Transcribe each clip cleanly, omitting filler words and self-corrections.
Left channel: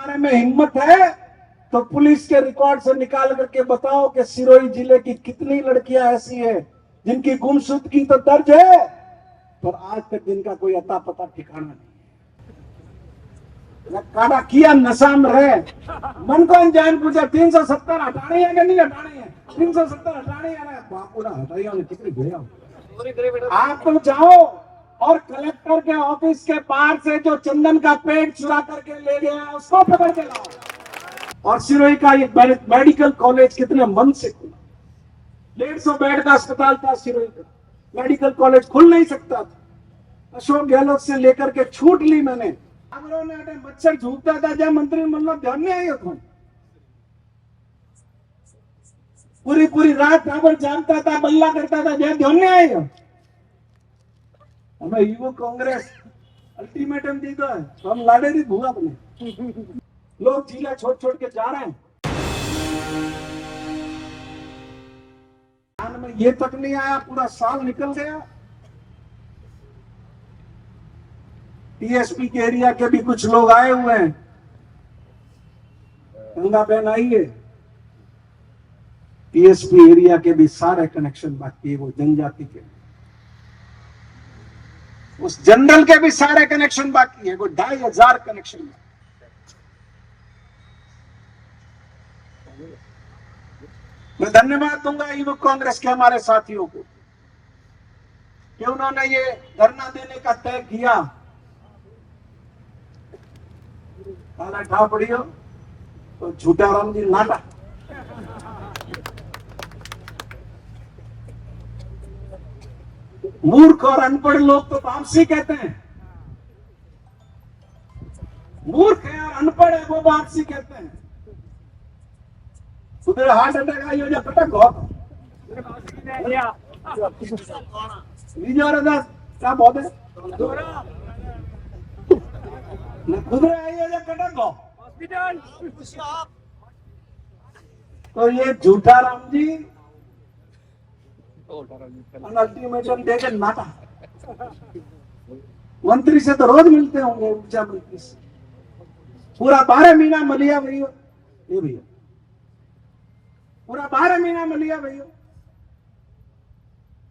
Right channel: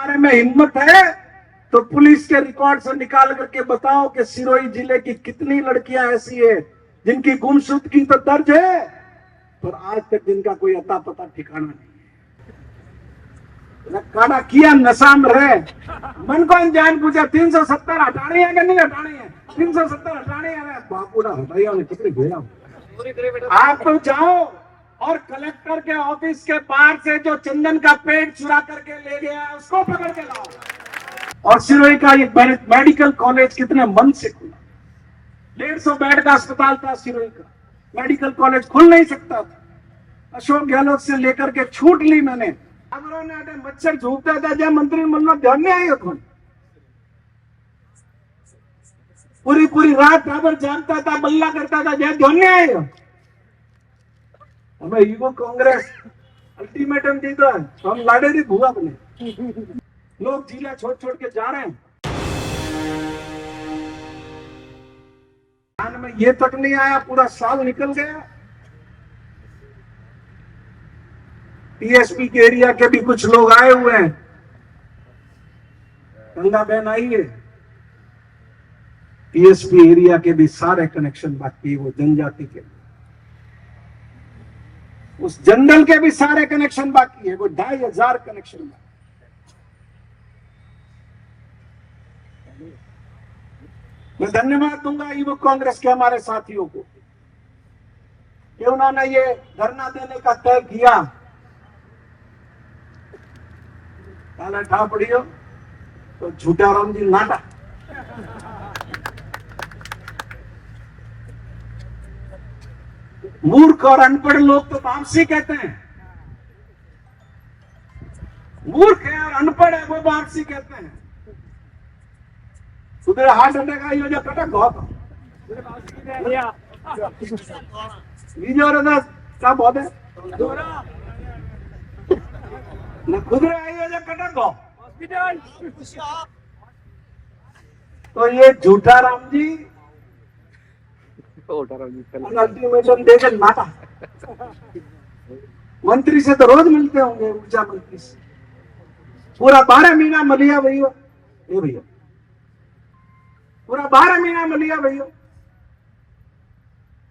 तुम्हारे में हिम्मत है तो पुलिस के रिकॉर्ड से निकाल करके बताओ कि सिरोही जिले की कितनी लड़कियां ऐसी है जिनकी गुमशुदगी तो दर्ज है पर आज तक जिनका कोई अता पता ठिकाना नहीं। काड़ा किया नशा में रहे मन को जान पूछा 370 हटानी है कि नहीं हटानी है, 370 हटानी है बापूड़ा हटाइया ने कितनी भेजा। आप तो जाओ और कलेक्टर के ऑफिस के बाहर से जो चंदन का पेड़ चुरा करके ले गया उसको पकड़ के लाओ। और सिरोही का ये मेडिकल कॉलेज कितने मन से खुला, 150 बेड का अस्पताल था सिरोही का, मेडिकल कॉलेज खुल नहीं सकता था। अशोक गहलोत से लेकर के छूट ली मैंने। मच्छर झूठता था जब मंत्रिमंडल में ध्यान नहीं आया कौन, पूरी पूरी रात टावर जानता था, बल्ला करता था, जब ध्यान नहीं आया। हमें ईगो कांग्रेस अल्टीमेटम दी तो हम लाडेरी भूआ बने, लोग जिला छोड़ छोड़ के जा रहे हैं। में ये तक नहीं आया, पूरा साल निकल गया। टीएसपी के एरिया के भी कुछ लोग आए हुए हैं, गंगा बहन आई है। टीएसपी एरिया के भी सारे कनेक्शन बाकी है, वो जनजाति के, उस जनरल के भी सारे कनेक्शन बाकी है, वो 2500 कनेक्शन बाकी। मैं धन्यवाद दूंगा युवक कांग्रेस के हमारे साथियों को कि उन्होंने ये धरना देने का तय किया। ताला ठा पड़ियो तो झूठा राम जी नाटा। मूर्ख और अनपढ़ लोग तो वापसी कहते हैं, मूर्ख है और अनपढ़ है वो वापसी कहते हैं। सुबह हार्ट अटैक आई हो जो कटक बहुत क्या बहुत है खुदरे आई हो जो कटक हो हॉस्पिटल। तो ये झूठा राम जी अल्टीमेटम देकर नाटा। मंत्री से तो रोज मिलते होंगे, ऊर्जा मंत्री से पूरा 12 महीना मलिया भैया, ये भैया पूरा 12 महीना मलिया भैया।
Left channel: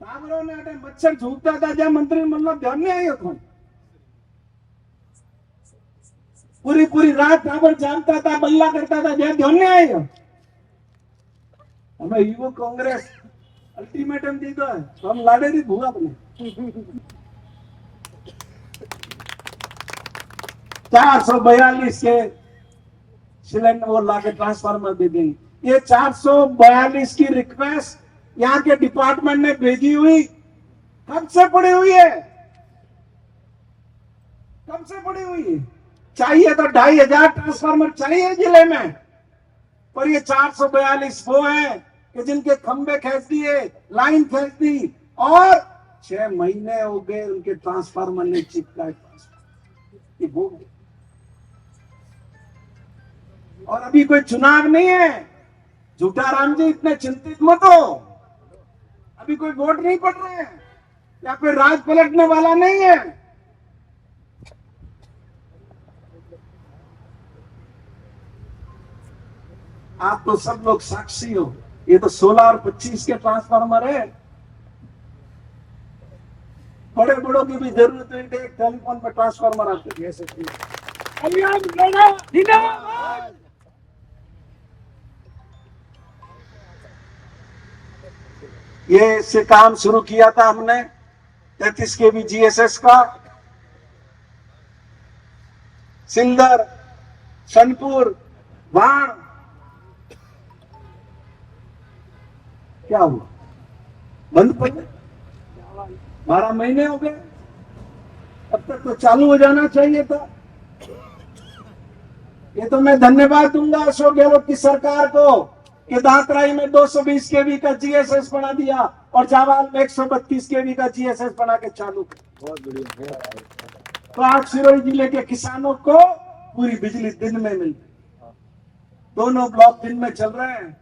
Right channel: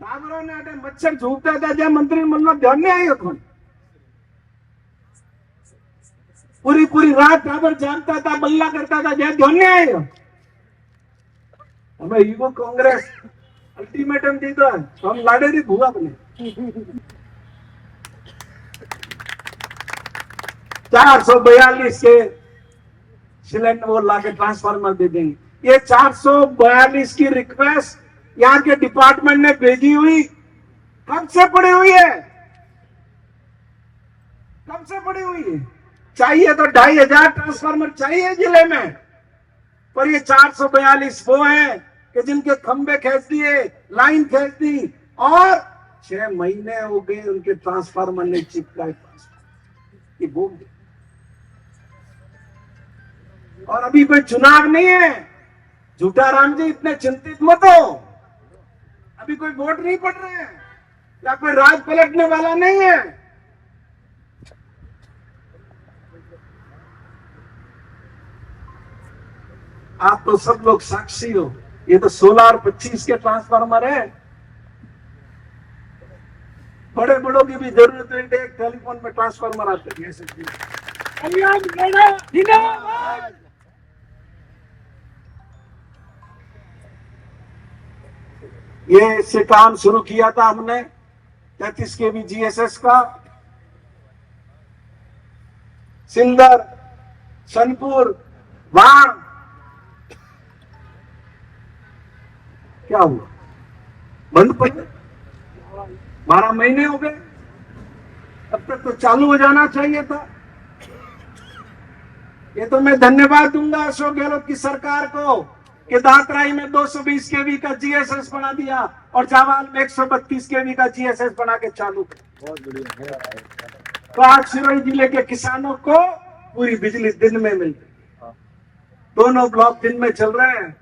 टावरों ने मच्छर झूठता था जब मंत्रिमंडल में ध्यान नहीं आया कौन, पूरी पूरी रात टावर जानता था, बल्ला करता था, जब ध्यान नहीं आया। हमें ईगो कांग्रेस अल्टीमेटम दी तो हम लाडेरी भूआ बने। 442 के सिलेंडर वो लाके ट्रांसफार्मर दे देंगे। ये 442 की रिक्वेस्ट यहाँ के डिपार्टमेंट ने भेजी हुई कब से पड़ी हुई है, कब से पड़ी हुई है। चाहिए तो 2500 ट्रांसफार्मर चाहिए जिले में, पर ये 442 वो है कि जिनके खंबे खींच दिए, लाइन खींच दी और 6 महीने हो गए उनके ट्रांसफार्मर ने चिपकाए। ये बोल और अभी कोई चुनाव नहीं है। झूठा राम जी इतने चिंतित मत हो, अभी कोई वोट नहीं पड़ रहे हैं या कोई राज पलटने वाला नहीं है। आप तो सब लोग साक्षी हो, ये तो 16 और 25 के ट्रांसफार्मर है। बड़े बड़ों की भी जरूरत है, एक टेलीफोन में ट्रांसफार्मर आते हैं ऐसे। ये इससे काम शुरू किया था हमने 33 केवी जीएसएस का, सिंदर, सनपुर, वाण। क्या हुआ, बंद पड़ गए, 12 महीने हो गए, अब तक तो चालू हो जाना चाहिए था। ये तो मैं धन्यवाद दूंगा अशोक गहलोत की सरकार को कि दांतराई में 220 केवी का जीएसएस बना दिया और जावाल में 132 केवी का जीएसएस बना के चालू। बहुत बढ़िया। तो आज सिरोही जिले के किसानों को पूरी बिजली दिन में मिल रही, दोनों ब्लॉक दिन में चल रहे हैं।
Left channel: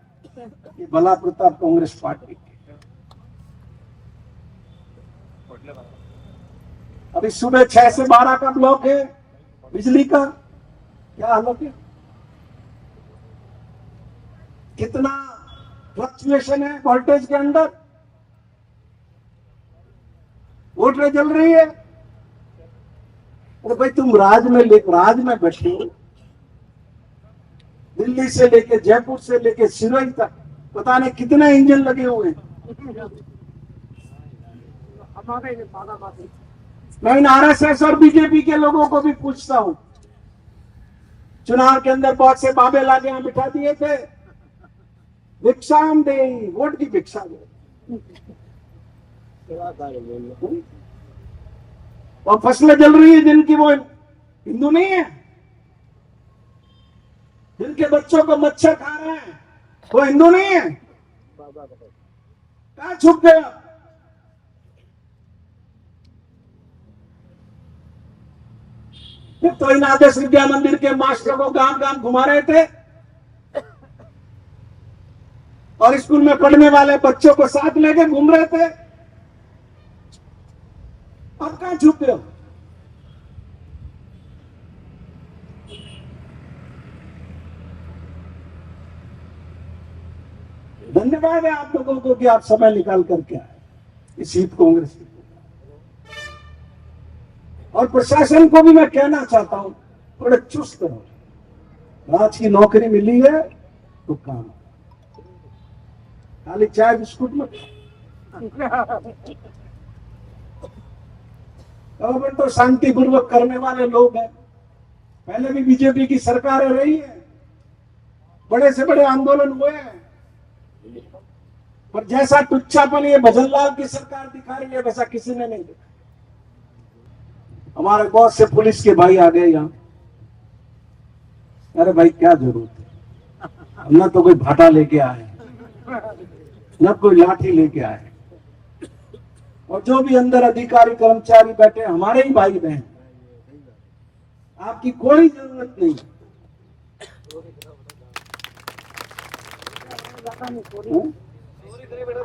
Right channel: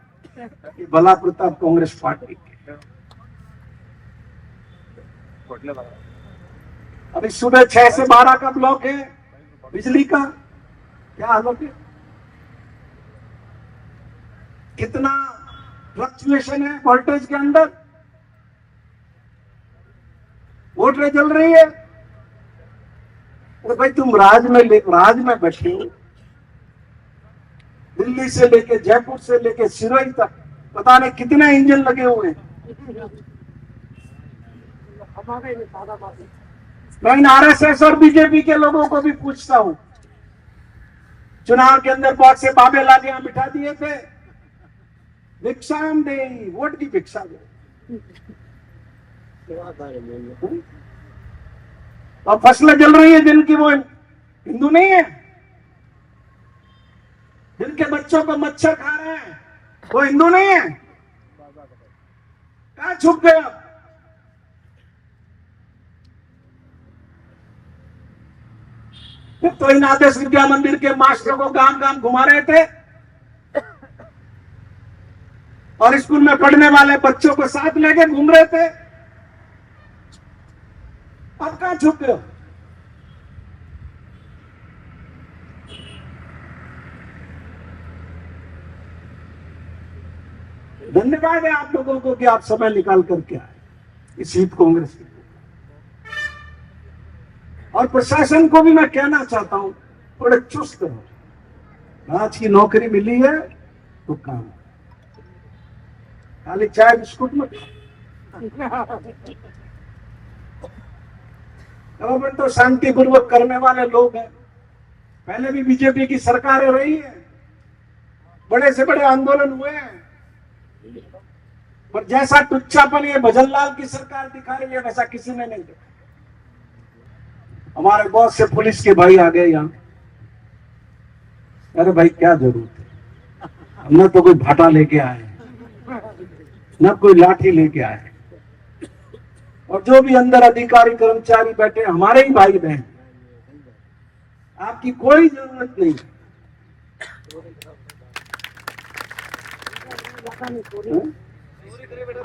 ये भला प्रताप कांग्रेस पार्टी के। अभी सुबह 6 से 12 का ब्लॉक है बिजली का, क्या हालत है। फ्लक्चुएशन है वोल्टेज के अंदर, मोटरें जल रही है। भाई तुम राज में बैठे हो, दिल्ली से लेके जयपुर से लेके सिरोही तक पता नहीं कितने इंजन लगे हुए हैं। मैं इन आरएसएस और बीजेपी के लोगों को भी पूछता हूं, चुनाव के अंदर बहुत से बाबे लाके यहां बिठा दिए थे, भिक्षाम दे, वोट की भिक्षा दे, तो फसलें जल रही है जिनकी, वो हिंदू नहीं है। जिनके बच्चों को मच्छर खा रहे हैं वो हिंदू नहीं है। कहां छुप गए आप? तो इन आदर्श विद्या मंदिर के मास्टर को गांव गांव घुमा रहे थे और स्कूल में पढ़ने वाले बच्चों को साथ लेके घूम रहे थे। अब कहां छुप गए? धन्यवाद है आप लोगों को कि आप समय निकाल करके आए इस यूथ कांग्रेस की। और प्रशासन को भी मैं कहना चाहता हूं, थोड़े चुस्त रहो। राज की नौकरी मिली है तो काम, खाली चाय बिस्कुट मत गवर्नमेंट तो शांतिपूर्वक करने वाले लोग हैं। पहले भी बीजेपी की सरकारें रही है, बड़े से बड़े आंदोलन हुए हैं, पर जैसा टुच्चापन ये भजनलाल की सरकार दिखा रही है वैसा किसी ने नहीं देखा। हमारे बहुत से पुलिस के भाई आ गए यहाँ। अरे भाई क्या जरूरत है, ना तो कोई भाटा लेके आए, ना कोई लाठी लेके आए, और जो भी अंदर अधिकारी कर्मचारी बैठे हमारे ही भाई बहन, आपकी कोई जरूरत नहीं।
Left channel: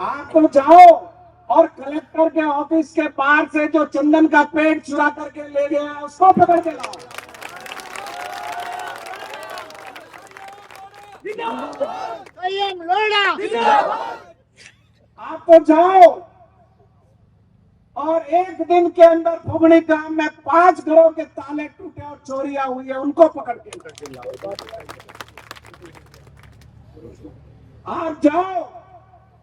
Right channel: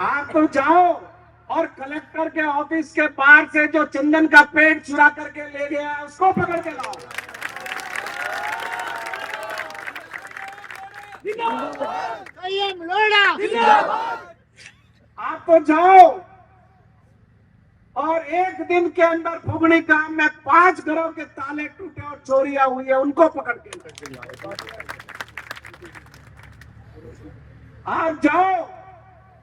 आप तो जाओ और कलेक्टर के ऑफिस के बाहर से जो चंदन का पेड़ चुरा करके ले गया उसको पकड़ के लाओ। आप तो जाओ और एक दिन के अंदर फुगड़ी गांव में 5 घरों के ताले टूटे और चोरियां हुई है, उनको पकड़ के लाओ। आप जाओ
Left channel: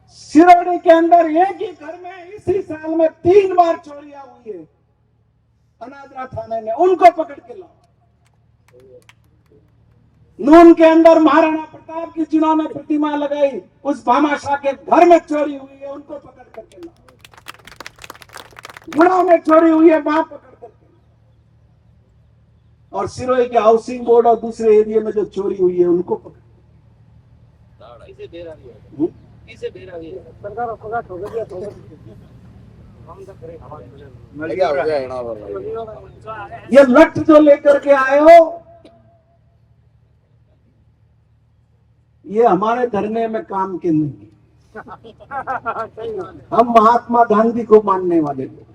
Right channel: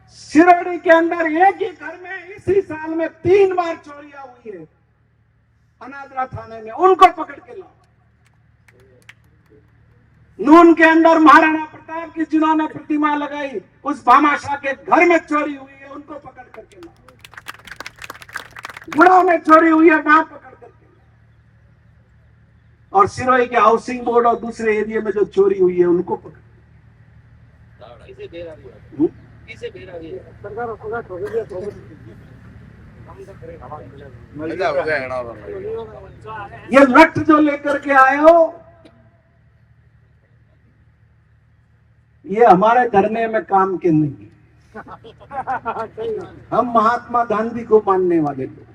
सिरोड़ी के अंदर एक ही घर में इसी साल में 3 बार चोरियां हुई है अनादरा थाने में, उनको पकड़ के लाओ। नून के अंदर महाराणा प्रताप की जिन्होंने प्रतिमा लगाई उस भामाशाह के घर में चोरी हुई है, उनको पकड़ करके लाओ। गुड़ा में चोरी हुई है, वहां पकड़ करके लाओ। और सिरोही के हाउसिंग बोर्ड और दूसरे एरिया में जो चोरी हुई है उनको पकड़। ये लठ जो लेकर के आए हो, ये हमारे धरने में काम के नहीं। हम महात्मा गांधी को मानने वाले लोग,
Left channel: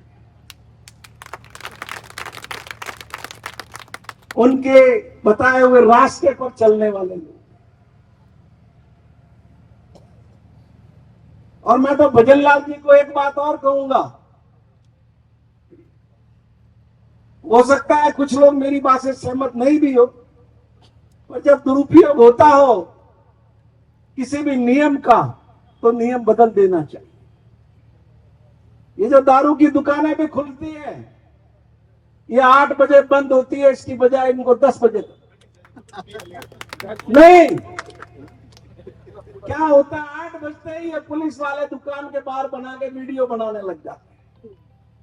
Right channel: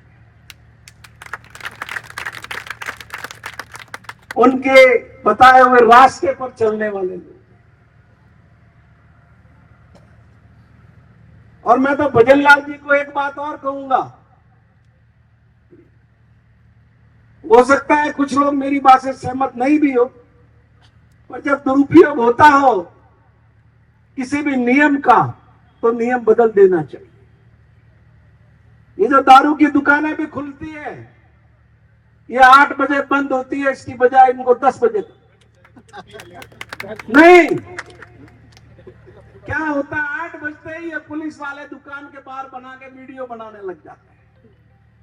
उनके बताए हुए रास्ते पर चलने वाले लोग। और मैं तो भजनलाल जी को एक बात और कहूंगा, हो सकता है कुछ लोग मेरी बात से सहमत नहीं भी हो, पर जब दुरुपयोग होता हो किसी भी नियम का तो नियम बदल देना चाहिए। ये जो दारू की दुकानें भी खुलती है, ये 8 बजे बंद होती है, इसकी बजाय इनको 10 बजे नहीं। क्या होता है, 8 बजते ही ये पुलिस वाले दुकान के बाहर बना के वीडियो बनाने लग जाते हैं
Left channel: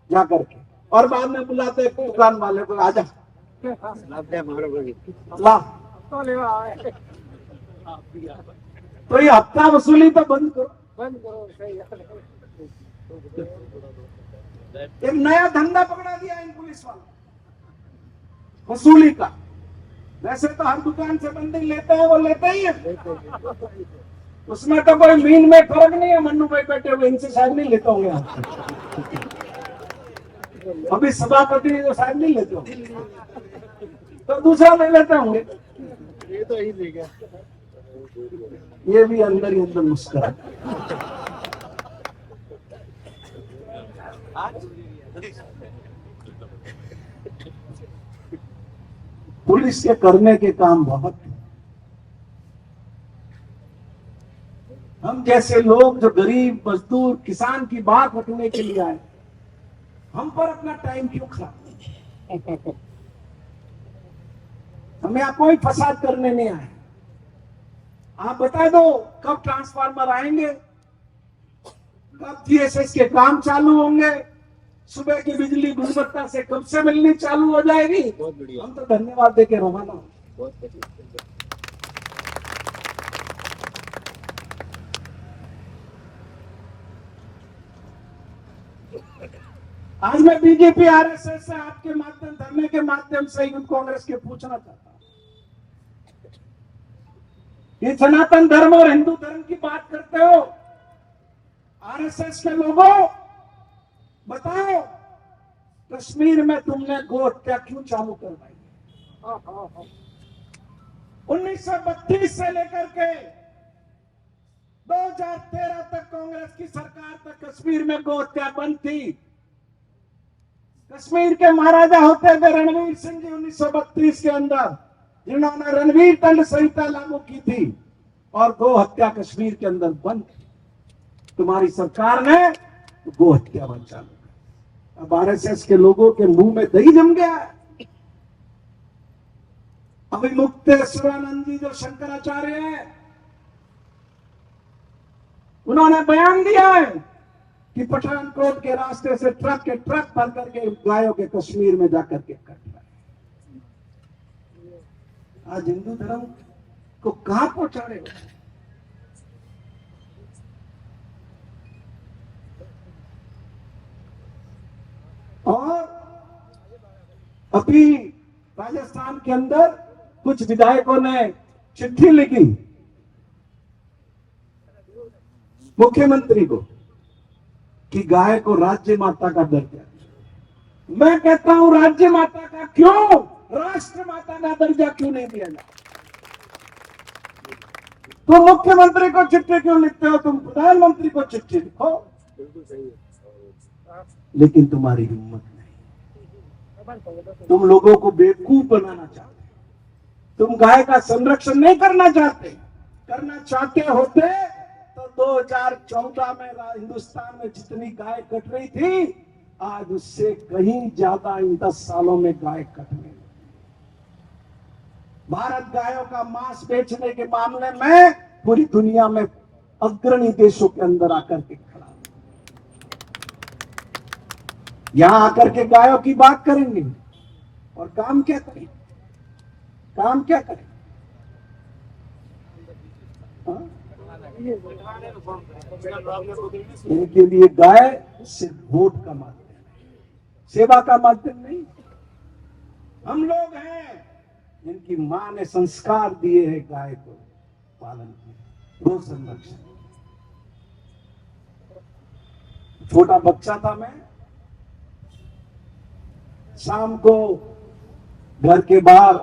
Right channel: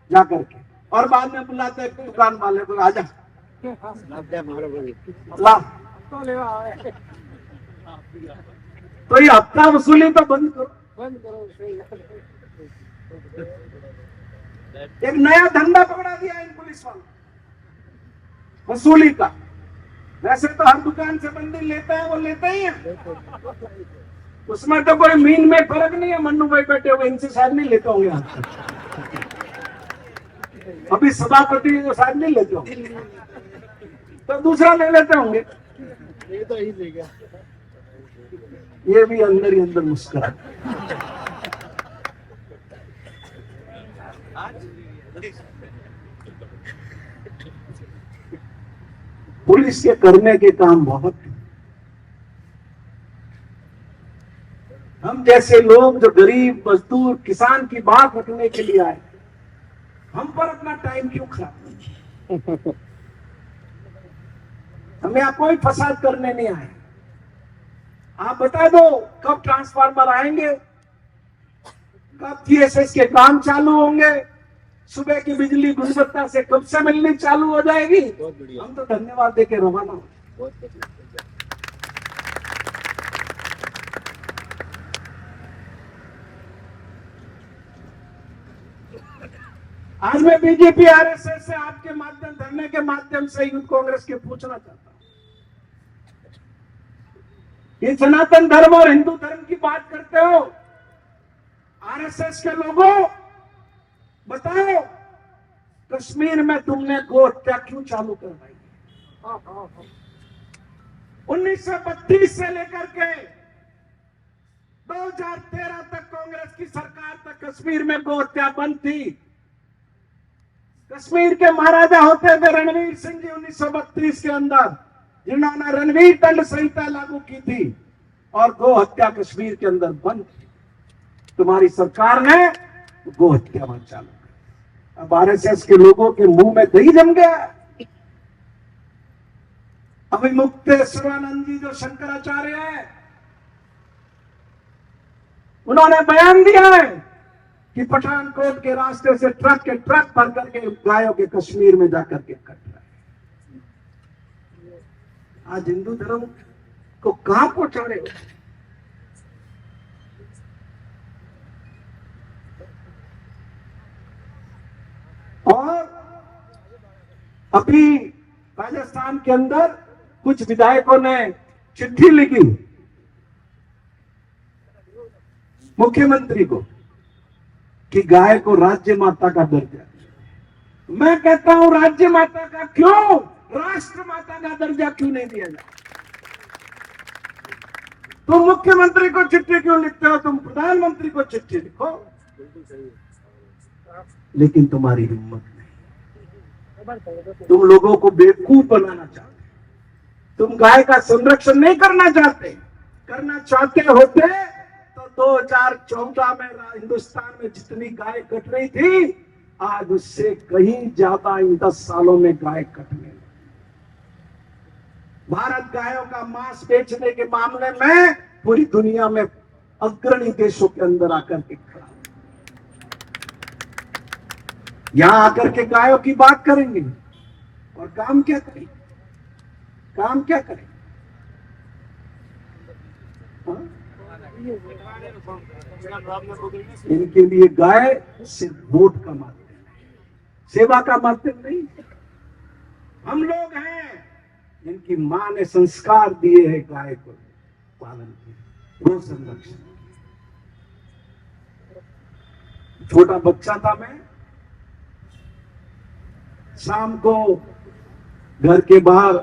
जा करके, और बाद में बुलाते हैं दुकान वाले को, आजा ला। तो ये हफ्ता वसूली तो बंद करो। एक नया धंधा पकड़ा दिया इन पुलिस वालों, वसूली का। वैसे तो हर दुकान से बंदी लेते हैं, वो लेते ही है, उसमें तो कोई मीन में फर्क नहीं है। मन्नू भाई बैठे हुए, इनसे शायद नहीं लेता होंगे, अभी सभापति को शायद नहीं लेते होंगे, तो दूसरा ले लेते होंगे। ये तो ही ले गया। ये भी अंदर ही अंदर मुस्कुरा। पुलिस के करने के काम बहुत है। हम जैसे लोग जो गरीब मजदूर किसान की बात रखने के लिए आए, हम पर अपना टाइम क्यों खराब? हमें यहाँ कोई फसाद करने नहीं आए। आप बता दो कब ट्रांसफार्मर आएंगे, कब जीएसएस के काम चालू होंगे, सुबह की बिजली गुणवत्ता से कब से मिलनी चालू हो जाएगी। हम तो धन्यवाद देके रवाना हो। आज मैं बीजेपी आरएसएस से आपके माध्यम धरने के माध्यम से यूथ कांग्रेस के पूछना चाहता हूं, ये सनातन धर्म और हिंदू धर्म की बात करते हो, आरएसएस के लोगों बताओ कश्मीर में तुमने गो हत्या क्यों चालू करवाई? 1932 से लेकर के 2013 तक कांग्रेस की सरकार तक कश्मीर में गो हत्या बंद थी। कश्मीर के महाराजा होते थे रणवीर सिंह जी 1932 के अंदर, जिन्होंने रणवीर दंड संहिता लागू की थी और गो हत्या कश्मीर के अंदर बंद थी। तुम्हारी सरकार ने गो हत्या बंद चालू कर। अब आरएसएस के लोगों के मुंह में दही जम गया। अभी मुक्तेश्वरानंद जी जो शंकराचार्य है, उन्होंने बयान दिया है कि पठानकोट के रास्ते से ट्रक के ट्रक भर करके गायों के कश्मीर में जाकर के कट रहा है। आज हिंदू धर्म को कहां पहुंचा रहे हो? और अभी राजस्थान के अंदर कुछ विधायकों ने चिट्ठी लिखी मुख्यमंत्री को कि गाय को राज्य माता का दर्जा। मैं कहता हूं राज्य माता का क्यों, राष्ट्र माता का दर्जा क्यों नहीं दिया जाए? तुम मुख्यमंत्री को चिट्ठी क्यों लिखते हो? तुम प्रधानमंत्री को चिट्ठी लिखो, लेकिन तुम्हारी हिम्मत नहीं। तुम लोगों को बेवकूफ बनाना चाहते, तुम गाय का संरक्षण नहीं करना चाहते। करना चाहते होते तो 2014 में हिंदुस्तान में जितनी गाय कट रही थी, आज उससे कहीं ज्यादा इन 10 सालों में गाय कटने लगी। भारत गायों का मांस बेचने के मामले में पूरी दुनिया में अग्रणी देशों के अंदर आकर के खड़ा। यहां आकर के गायों की बात करेंगे और काम क्या करें? काम क्या करें? हाँ? इनके लिए गाय सिर्फ वोट का माध्यम है, सेवा का माध्यम नहीं। हम लोग हैं जिनकी मां ने संस्कार दिए हैं गाय को पालन किया, गो संरक्षण। छोटा बच्चा था मैं, शाम को घर के बाहर,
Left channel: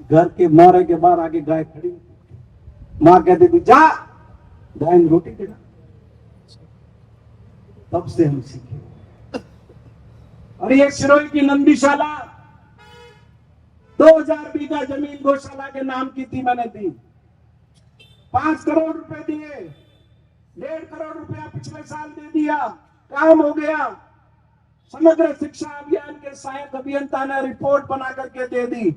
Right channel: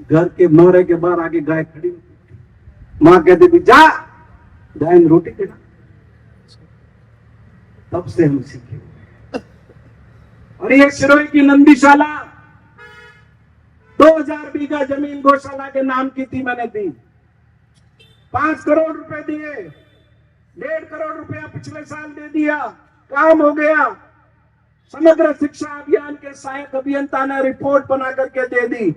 घर के नौरे के बाहर आगे गाय खड़ी होती, मां कहती थी जा गाय ने रोटी खिला। तब से हम सीखे। और ये सिरोही की नंदीशाला 2000 बीघा जमीन गौशाला के नाम की थी, मैंने दी। 5 करोड़ रुपए दिए, 1.5 करोड़ रुपया पिछले साल दे दिया, काम हो गया। समग्र शिक्षा अभियान के सहायक अभियंता ने रिपोर्ट बना करके दे दी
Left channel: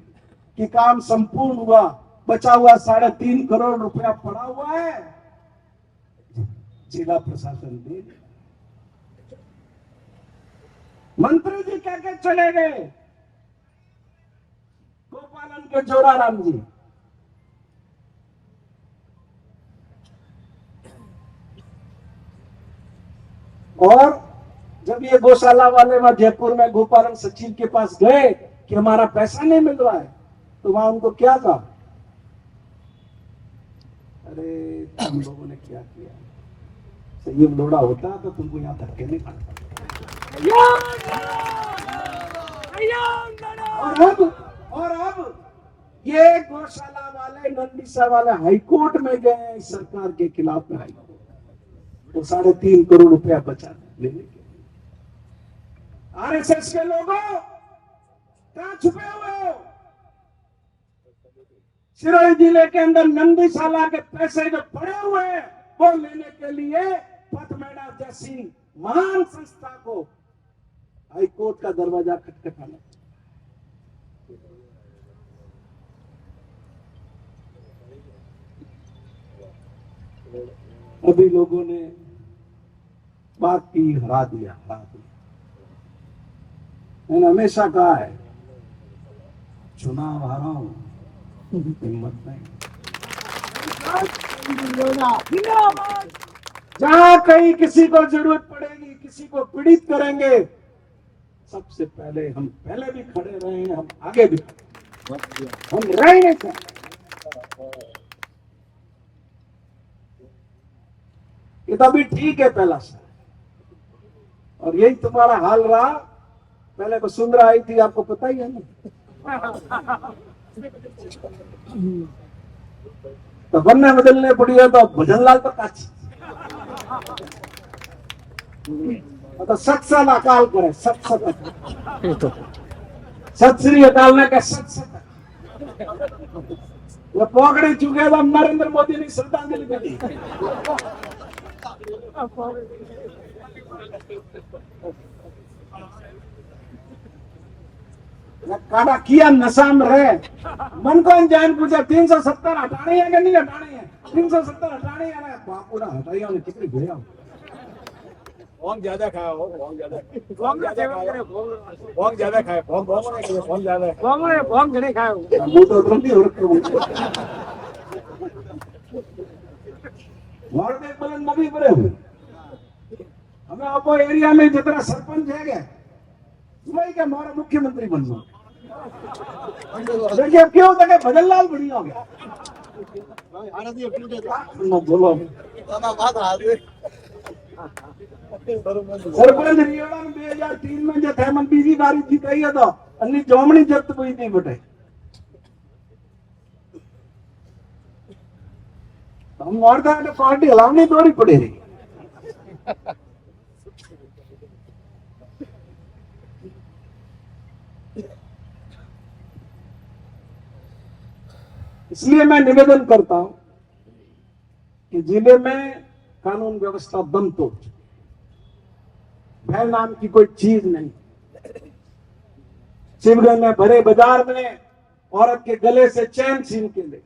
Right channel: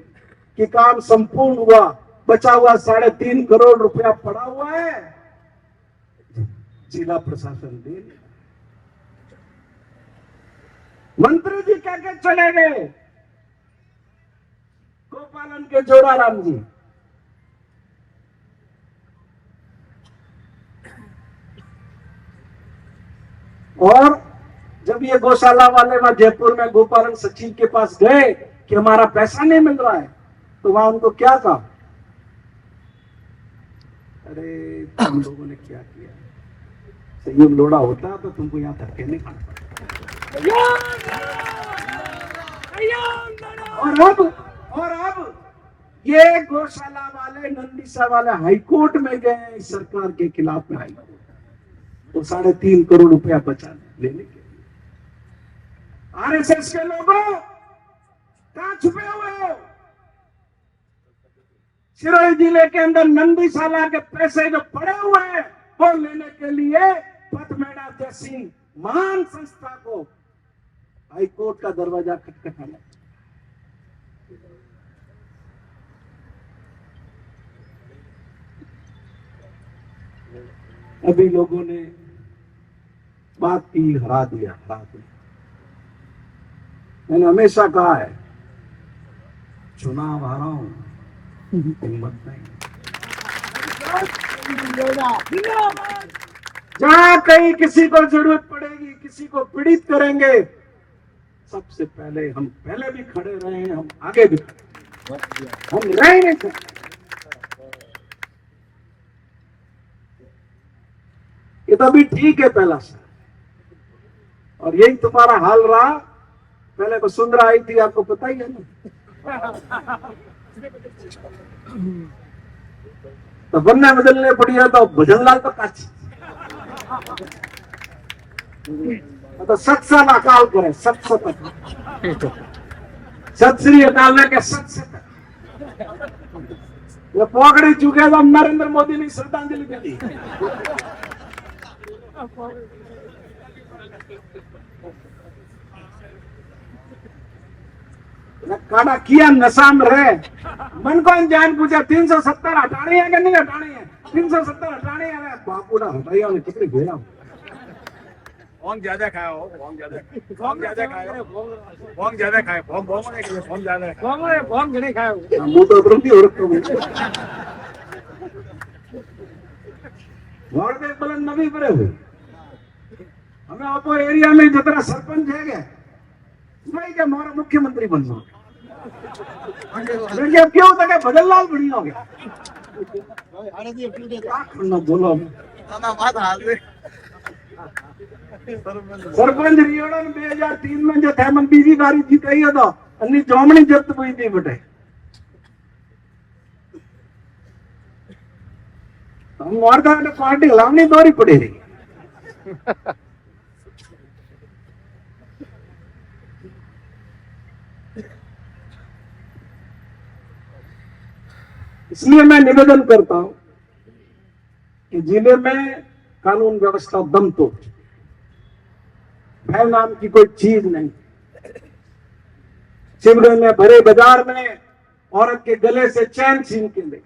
कि काम संपूर्ण हुआ। बचा हुआ 3.5 करोड़ रुपया पड़ा हुआ है, जिला प्रशासन दे। मंत्री जी कह के चले गए, गोपालन के जोराराम जी। और जब ये गौशाला वाले वहां जयपुर में गोपालन सचिव के पास गए कि हमारा पैसा नहीं मिल रहा है, तो वहां उनको क्या कहा? अरे तुम लोगों ने क्या किया, संयम लोड़ा होता तो तुमको यहाँ धक्के नहीं खाना पड़ता। और अब ये गौशाला वाले नंदीसा वाले हाईकोर्ट में गए इस सरकार के खिलाफ में हाईकोर्ट, तो 3.5 करोड़ रुपया बचा लेने के लिए। आरएसएस के लोगों कहां छुपे हुए हो? सिरोही जिले के अंदर नंदीसाला के पैसे जो पड़े हुए हैं वो लेने के लिए पथमेड़ा जैसी महान संस्था को हाईकोर्ट का दरवाजा खटखटाना। अभी लोगों ने बात की, हरा दिया। मैंने हमेशा कहा है, चुनाव हारा हूं, हिम्मत नहीं। जहां कहीं किसी को जरूरत पड़ेगी, किसी को पीड़ित करेंगे, सबसे पहले हम पहले भी खड़े रहे हैं, हम आगे भी खड़े, हम रह नहीं सकते। ये तो अभी ठीक है पहला साल, और यही तुम्हारा हाल रहा। पहले को सुंदरा आई थी, आपको पता ही है ना, तो बनने बदलने पड़ी है, तो भजनलाल तो काची, तो 7 साल अकाल करे, 7 श्री अकाल ने के 7 ये पोकड़ी चुके तो नरेंद्र मोदी ने श्रद्धांजलि दी। काड़ा किया नशा में रहे, मन को जान पूछा 370 हटानी है कि नहीं हटानी है? 370 हटानी है। बापू ना हटाइया ने कितनी भेजा भोंग ज्यादा खाया हो, भोंग ज्यादा खाए, भोंग घणे खाए हो। मुंह तो उतरती हो रखा और देख बोले नवी परे हुई। हमें आपो एरिया में जितना सरपंच है क्या वही क्या हमारा मुख्यमंत्री बनना। देखिए अब क्यों होता है, भजनलाल बढ़िया हो गया। बोलो सरपंच रियोड़ा में 2003 में जो थे मन बीजी बारी जीताई है तो अन्नी जोमनी जब्त हुई थी बटे। हम मारदा ने पार्टी हलावनी दौरी पड़ी रही। इसलिए मैं निवेदन करता हूं कि जिले में कानून व्यवस्था दम तोड़, भय नाम की कोई चीज नहीं। शिवगंज में भरे बाजार में औरत के गले से चैन छीन के ले,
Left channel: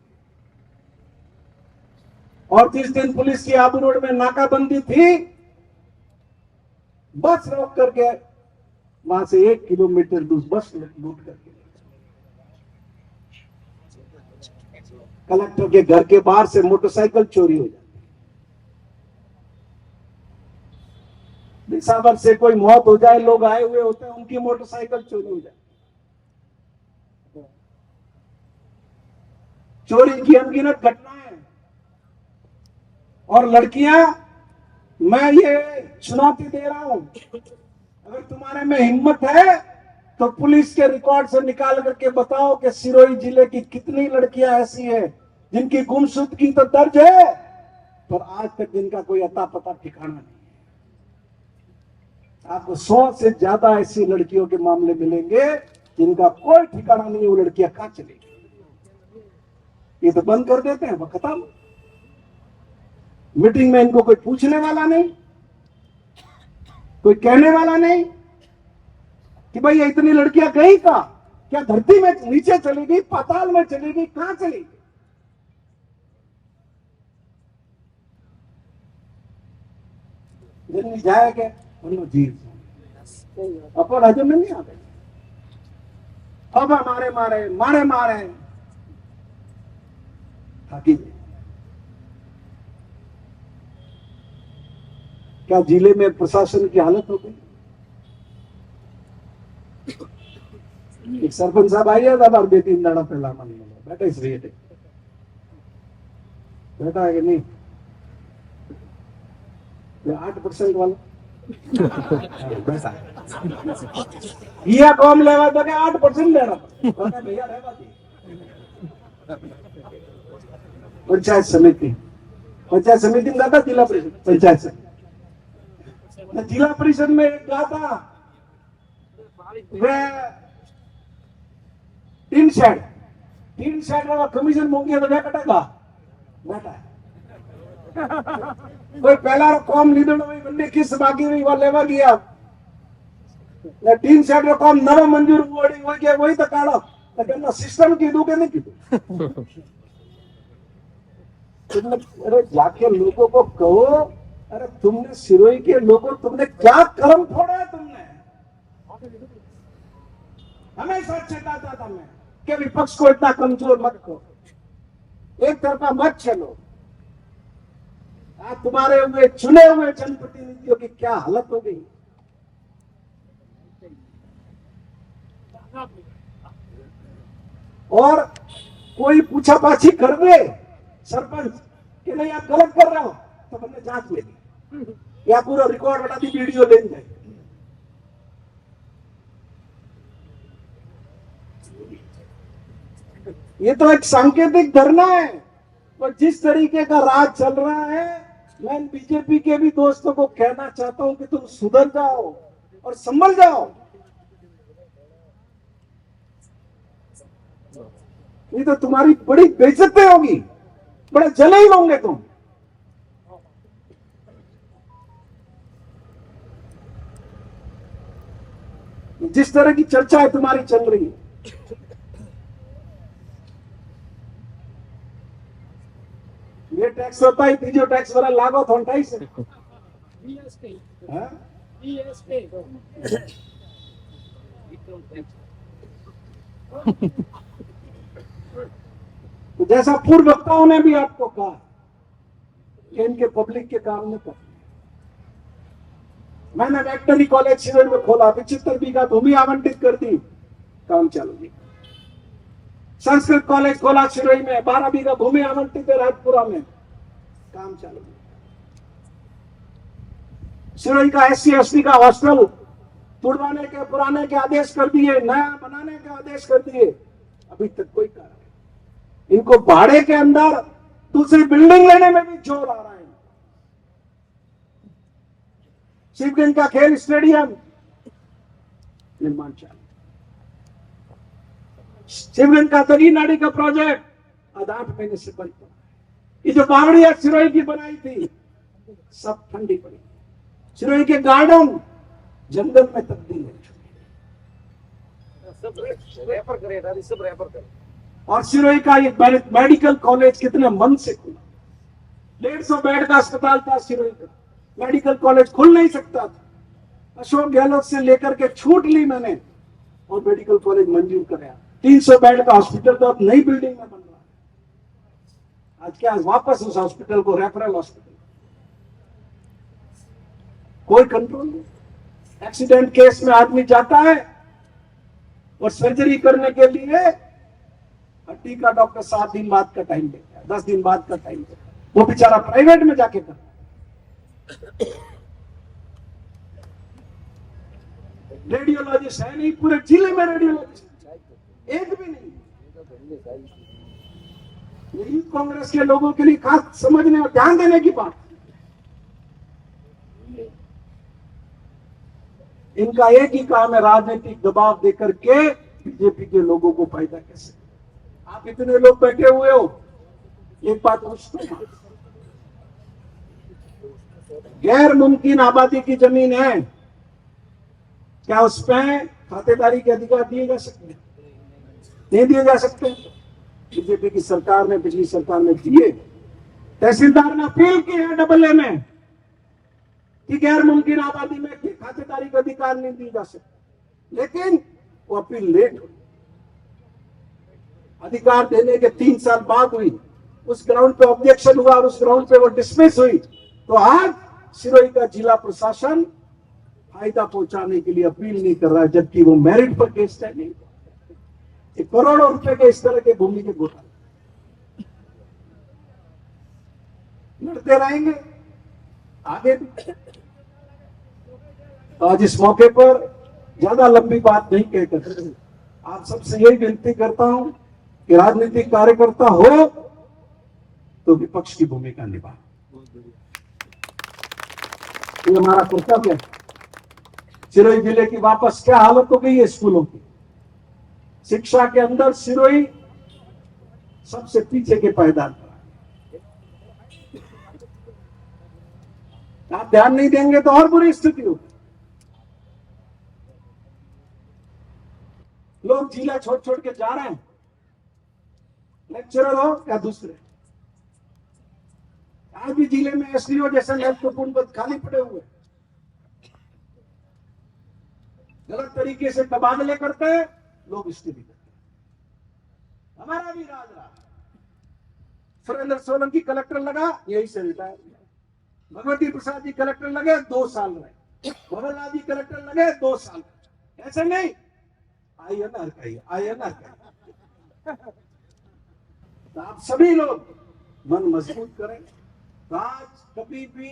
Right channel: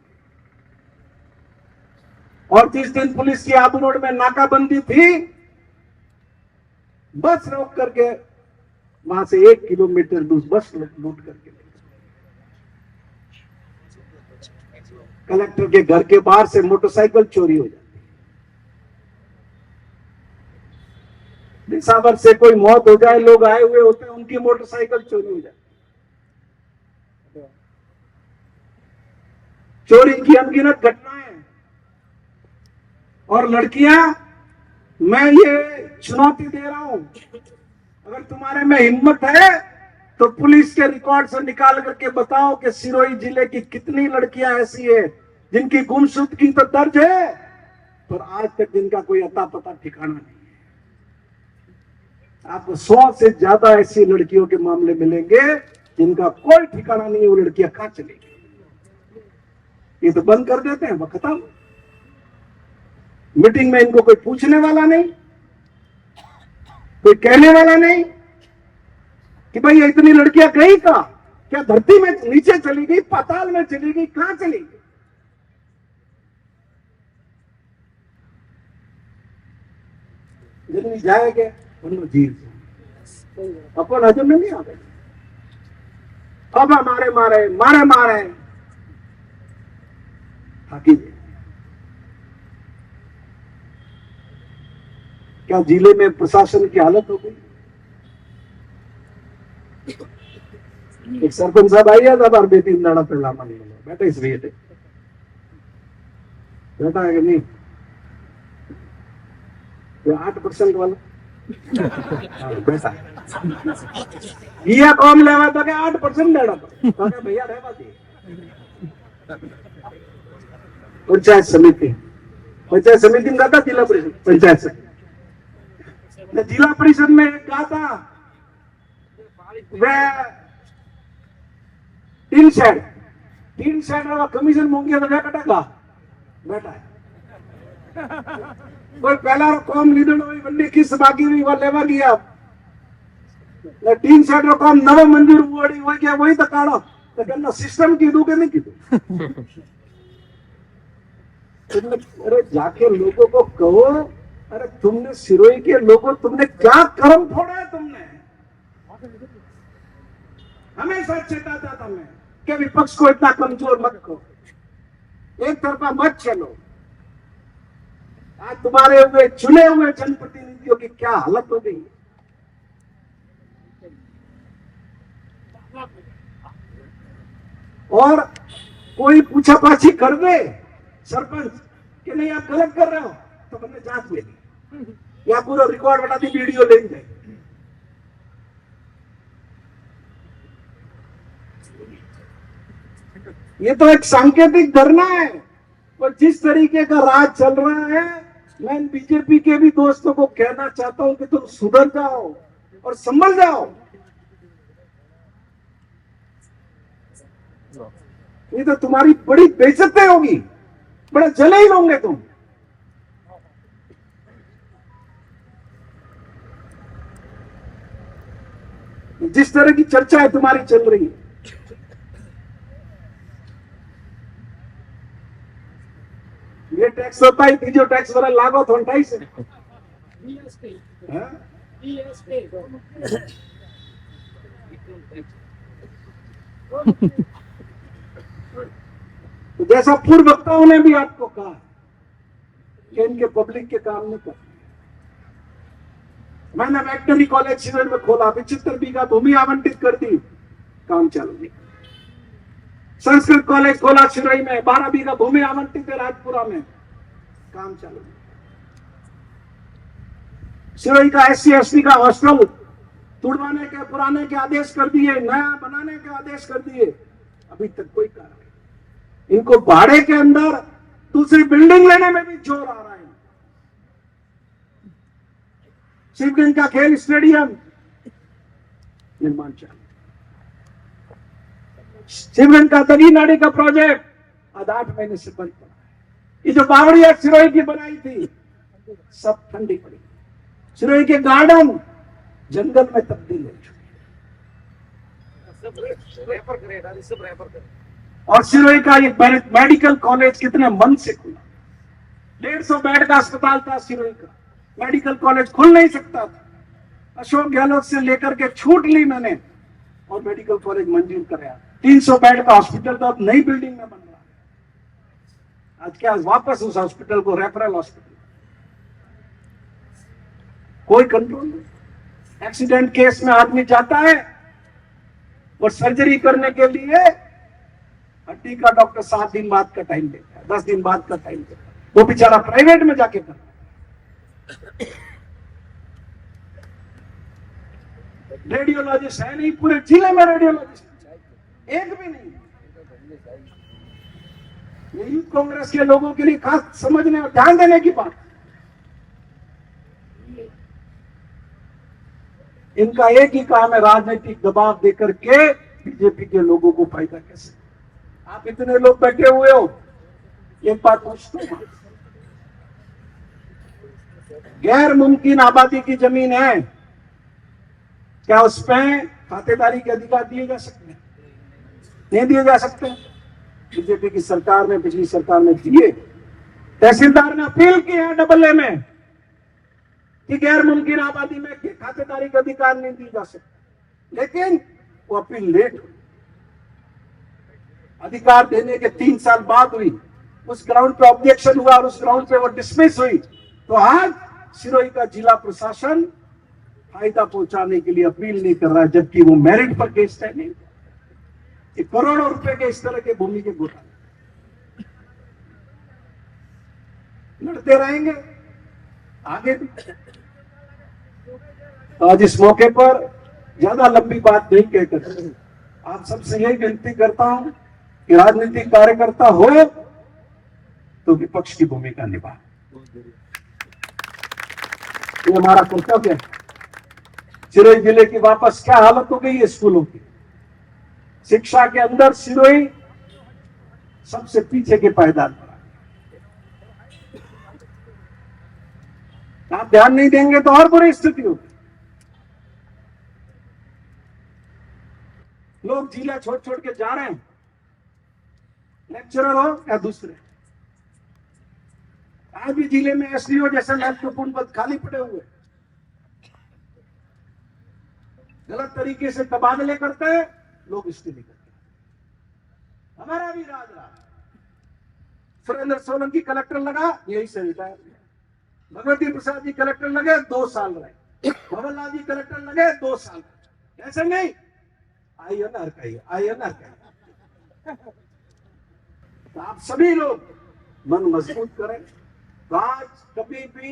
और 30 दिन पुलिस की आबू रोड में नाकाबंदी थी, बस रोक करके वहां से 1 किलोमीटर दूर बस लूट करके कलेक्टर के घर के बाहर से मोटरसाइकिल चोरी हो जाती। दिसावर से कोई मौत हो जाए, लोग आए हुए होते हैं, उनकी मोटरसाइकिल चोरी हो जाती। चोरी की अनगिनत घटनाएं। और लड़कियां, मैं ये चुनौती दे रहा हूं, अगर तुम्हारे में हिम्मत है तो पुलिस के रिकॉर्ड से निकाल करके बताओ कि सिरोही जिले की कितनी लड़कियां ऐसी है जिनकी गुमशुदगी तो दर्ज है, पर आज तक जिनका कोई अता पता ठिकाना नहीं है। आपको 100 से ज्यादा ऐसी लड़कियों के मामले मिलेंगे जिनका कोई ठिकाना नहीं है। वो लड़कियां कहां चलेगी? ये तो बंद कर देते हैं, वो खत्म। मीटिंग में इनको कोई पूछने वाला नहीं, कोई कहने वाला नहीं कि भाई इतनी लड़कियां गई कहां? क्या धरती में नीचे चलेगी, पाताल में चलेगी, कहां चलेगी? जल्दी जाएगा जीव अपन हजम में नहीं आ गए। अब मारे मारे मारे मारे थाकी। क्या जिले में प्रशासन की हालत हो गई? एक सरपंच साहब आई था, बार बेटी नाड़ा पे लामा नहीं बोला, बेटा इस बेटे बेटा है कि नहीं? ये 8% वाला बेटा ये कौन लेवा तो 8% लेना तो भैया रहवा दी पंचायत समिति में कहा था जिला परिषद पंचायत समिति जिला परिषद में एक कहा था वे तीन शेड कमीशन मांगे तो कटेगा बेटा कोई पहला कॉम लीडर हुई बंदी किस बाकी हुई वो लेवा गया तीन शेड काम नव मंजूर हुआ गया वही तो काढ़ो तो कहना सिस्टम कीधु के नहीं कीधु अरे जाके लोगों को कहो अरे तुमने सिरोही के लोगों तुमने क्या कर्म फोड़ा है तुमने हमेशा चेताता था मैं कि विपक्ष को इतना कमजोर मत करो एक तरफा मत चलो आज तुम्हारे हुए चुने हुए जनप्रतिनिधियों की क्या हालत हो गई और कोई पूछापाछी कर दे सरपंच कि नहीं आप गलत कर रहे हो तो हमने जांच लेगी या पूरा रिकॉर्ड बना दी वीडियो ले जाए ये तो एक सांकेतिक धरना है और जिस तरीके का राज चल रहा है मैं बीजेपी के भी दोस्तों को कहना चाहता हूं कि तुम सुधर जाओ और संभल जाओ ये तो तुम्हारी बड़ी बेइज्जती होगी बड़े जले ही होंगे तुम जिस तरह की चर्चा है तुम्हारी चल रही है ये टैक्स होता है तीजो टैक्स वाला लागो तो 28 है तो जैसा पूर्व वक्ताओं ने भी आपको कहा कि इनके पब्लिक के काम नहीं करते मैंने वेटनरी कॉलेज शिविर में खोला 75 बीघा भूमि आवंटित कर दी काम चालू नहीं संस्कृत कॉलेज खोला सिरोही में 12 बीघा भूमि आवंटित है राजपुरा में काम चालू नहीं सिरोही का SC ST का हॉस्टल तुड़वाने के पुराने के आदेश कर दिए नया बनाने के आदेश कर दिए अभी तक कोई कार्रवाई इनको भाड़े के अंदर दूसरी बिल्डिंग लेने में भी जोर आ रहा है शिवगंज का खेल स्टेडियम निर्माण चालू शिवगंज का दगी नाड़ी का प्रोजेक्ट आज 8 महीने से बंद पड़ा ये जो बावड़िया सिरोही की बनाई थी सब ठंडी पड़ी सिरोही के गार्डन जंगल में तब्दील हो चुके और सिरोही का ये मेडिकल कॉलेज कितने मन से खुला 150 बेड का अस्पताल था सिरोही का मेडिकल कॉलेज खुल नहीं सकता था अशोक गहलोत से लेकर के छूट ली मैंने और मेडिकल कॉलेज मंजूर कराया 300 बेड का हॉस्पिटल तो अब नई बिल्डिंग में बन रहा आज क्या वापस उस हॉस्पिटल को रेफरल हॉस्पिटल कोई कंट्रोल नहीं एक्सीडेंट केस में आदमी जाता है और सर्जरी करने के लिए हड्डी का डॉक्टर 7 दिन बाद का टाइम देता है 10 दिन बाद का टाइम देता है वो बेचारा प्राइवेट में जाके करता रेडियोलॉजिस्ट है नहीं पूरे जिले में रेडियोलॉजिस्ट एक भी नहीं यही कांग्रेस के लोगों के लिए खास समझने और ध्यान देने की बात इनका एक ही काम है राजनीतिक दबाव देकर के बीजेपी के लोगों को फायदा कैसे आप इतने लोग बैठे हुए हो एक बात पूछते हैं गैर मुमकिन आबादी की जमीन है क्या उस पर खातेदारी के अधिकार दिए जा सकते हैं नहीं दिए जा सकते बीजेपी की सरकार ने पिछली सरकार में दिए तहसीलदार ने अपील की है AA में कि गैर मुमकिन आबादी में खातेदारी का अधिकार नहीं दी जा सकता लेकिन वो अपील लेट हुई अधिकार देने के 3 साल बाद हुई उस ग्राउंड पे ऑब्जेक्शन हुआ और उस ग्राउंड पे वो डिसमिस हुई तो आज सिरोही का जिला प्रशासन फायदा पहुंचाने के लिए अपील नहीं कर रहा है जबकि वो मेरिट पर केस है नहीं करोड़ों रुपए के इस तरह के भूमि के घोटाले लड़ते रहेंगे आगे भी आज इस मौके पर ज्यादा लंबी बात नहीं कहकर आप सबसे यही विनती करता हूं कि राजनीतिक कार्यकर्ता हो तो विपक्ष की भूमिका निभा। ये हमारा कर्तव्य है। सिरोही जिले की वापस क्या हालत हो गई है स्कूलों की, शिक्षा के अंदर सिरोही सबसे पीछे के पायदान पर। आप ध्यान नहीं देंगे तो और बुरी स्थिति होगी। लोग जिला छोड़ छोड़ के जा रहे हैं, लेक्चरर हो या दूसरे। आज भी जिले में एसडीओ जैसे महत्वपूर्ण पद खाली पड़े हुए, गलत तरीके से तबादले करते हैं, लोग इस्तीफे करते हैं। हमारा भी राज रहा। सुरेंद्र सोलंकी कलेक्टर लगा, यही से रिटायर। भगवती प्रसाद जी कलेक्टर लगे, 2 साल रहे। भवनलाल जी कलेक्टर लगे, 2 साल। ऐसे नहीं, INR का। तो आप सभी लोग मन मजबूत करें। राज कभी भी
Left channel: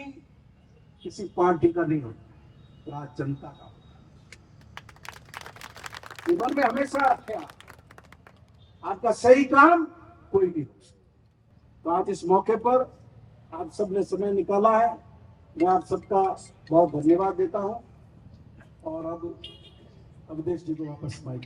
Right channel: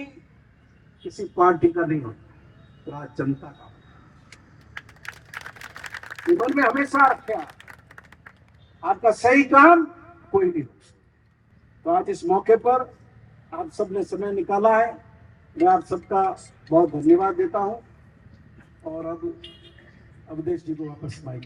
किसी पार्टी का नहीं होता, राज जनता का। जीवन में हमेशा रखें, आपका सही काम कोई नहीं हो सकता। तो आज इस मौके पर आप सबने समय निकाला है, मैं आप सबका बहुत धन्यवाद देता हूं। और अब अवधेश जी को वापस माइक।